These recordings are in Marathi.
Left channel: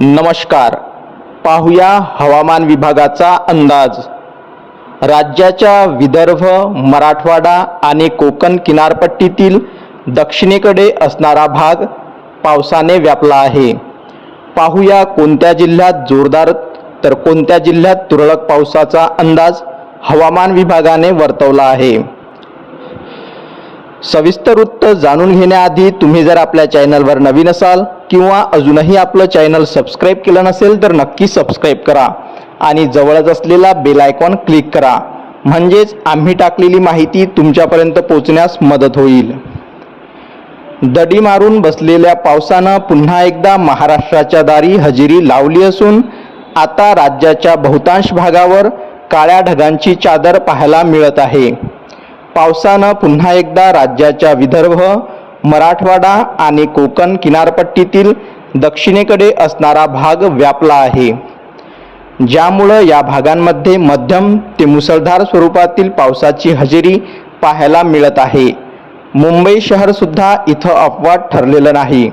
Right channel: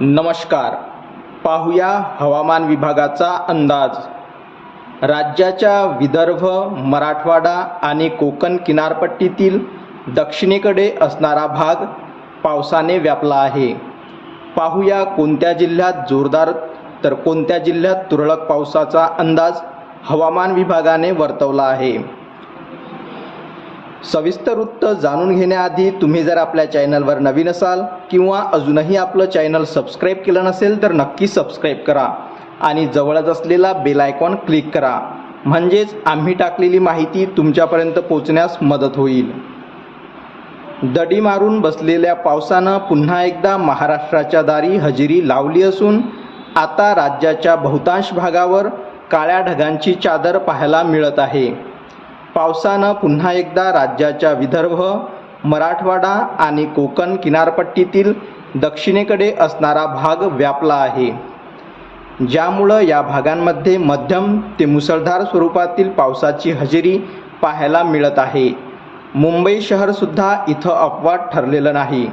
नमस्कार. पाहूया हवामान विभागाचा अंदाज. राज्याच्या विदर्भ मराठवाडा आणि कोकण किनारपट्टीतील दक्षिणेकडे असणारा भाग पावसाने व्यापला आहे. पाहूया कोणत्या जिल्ह्यात जोरदार तर कोणत्या जिल्ह्यात तुरळक पावसाचा अंदाज हवामान विभागाने वर्तवला आहे. सविस्तर वृत्त जाणून घेण्याआधी तुम्ही जर आपल्या चॅनलवर नवीन असाल किंवा अजूनही आपलं चॅनल सबस्क्राईब केलं नसेल तर नक्की सबस्क्राईब करा आणि जवळच असलेला बेल आयकॉन क्लिक करा. म्हणजेच आम्ही टाकलेली माहिती तुमच्यापर्यंत पोहोचण्यास मदत होईल. दडी मारून बसलेल्या पावसानं पुन्हा एकदा महाराष्ट्राच्या दारी हजेरी लावली असून आता राज्याच्या बहुतांश भागावर काळ्या ढगांची चादर पाहायला मिळत आहे. पावसानं पुन्हा एकदा राज्याच्या विदर्भ मराठवाडा आणि कोकण किनारपट्टीतील दक्षिणेकडे असणारा भाग व्यापला आहे. ज्यामुळं या भागांमध्ये मध्यम ते मुसळधार स्वरूपातील पावसाची हजेरी पाहायला मिळत आहे. मुंबई शहरसुद्धा इथं अपवाद ठरलेलं नाही.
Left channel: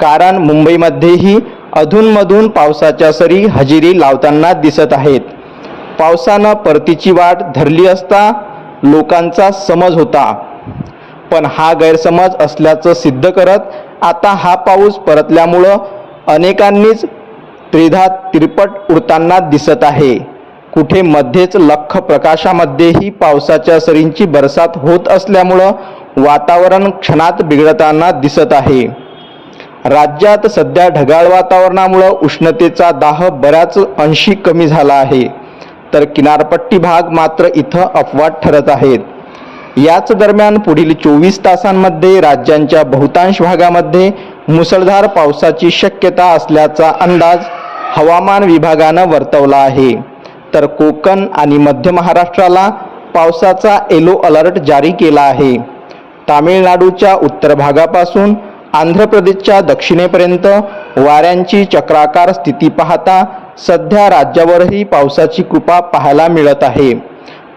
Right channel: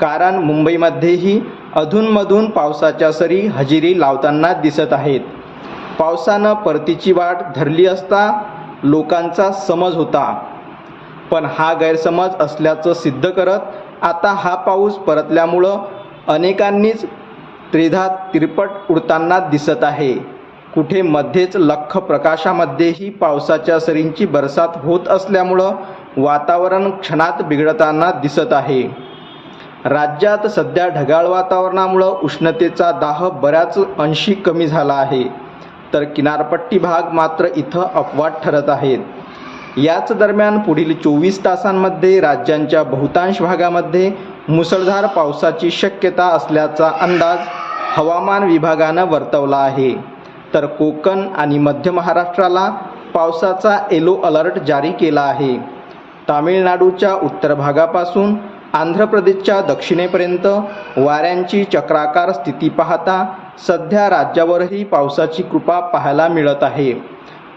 कारण मुंबईमध्येही अधूनमधून पावसाच्या सरी हजेरी लावताना दिसत आहेत. पावसानं परतीची वाट धरली असता लोकांचा समज होता. पण हा गैरसमज असल्याचं सिद्ध करत आता हा पाऊस परतल्यामुळं अनेकांनीच त्रिधा तिरपट उडताना दिसत आहे. कुठे मध्येच लख प्रकाशामध्येही पावसाच्या सरींची बरसात होत असल्यामुळं वातावरण क्षणात बिघडताना दिसत आहे. राज्यात सध्या ढगाळ वातावरणामुळं उष्णतेचा दाह बऱ्याच अंशी कमी झाला आहे. तर किनारपट्टी भाग मात्र इथं अपवाद ठरत आहेत. याच दरम्यान पुढील चोवीस तासांमध्ये राज्यांच्या बहुतांश भागामध्ये मुसळधार पावसाची शक्यता असल्याचा अंदाज हवामान विभागानं वर्तवला आहे. तर कोकण आणि मध्य महाराष्ट्राला पावसाचा येलो अलर्ट जारी केला आहे. तामिळनाडूच्या उत्तर भागापासून आंध्र प्रदेशच्या दक्षिणेपर्यंत वाऱ्यांची चक्राकार स्थिती पाहता सध्या राज्यावरही पावसाची कृपा पाहायला मिळत आहे.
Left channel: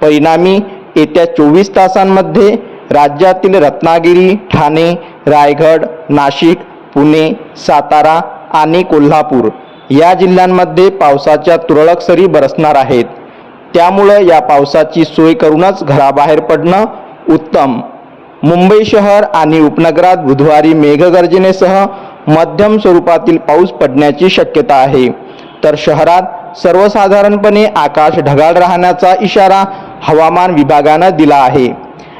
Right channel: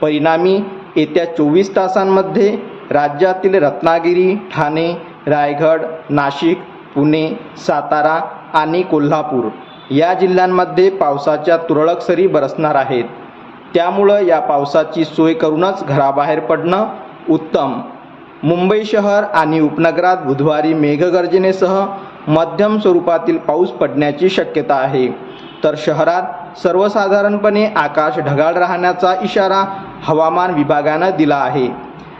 परिणामी येत्या चोवीस तासांमध्ये राज्यातील रत्नागिरी ठाणे रायगड नाशिक पुणे सातारा आणि कोल्हापूर या जिल्ह्यांमध्ये पावसाच्या तुरळक सरी बरसणार आहेत. त्यामुळं या पावसाची सोय करूनच घराबाहेर पडणं उत्तम. मुंबई शहर आणि उपनगरात बुधवारी मेघगर्जनेसह मध्यम स्वरूपातील पाऊस पडण्याची शक्यता आहे. तर शहरात सर्वसाधारणपणे आकाश ढगाळ राहण्याचा इशारा हवामान विभागानं दिला आहे.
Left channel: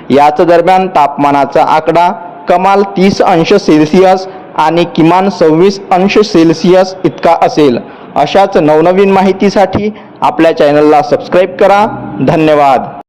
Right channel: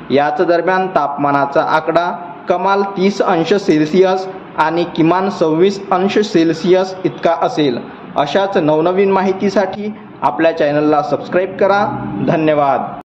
याच दरम्यान तापमानाचा आकडा कमाल तीस अंश सेल्सिअस आणि किमान सव्वीस अंश सेल्सिअस इतका असेल. अशाच नवनवीन माहितीसाठी आपल्या चॅनलला सबस्क्राईब करा. धन्यवाद.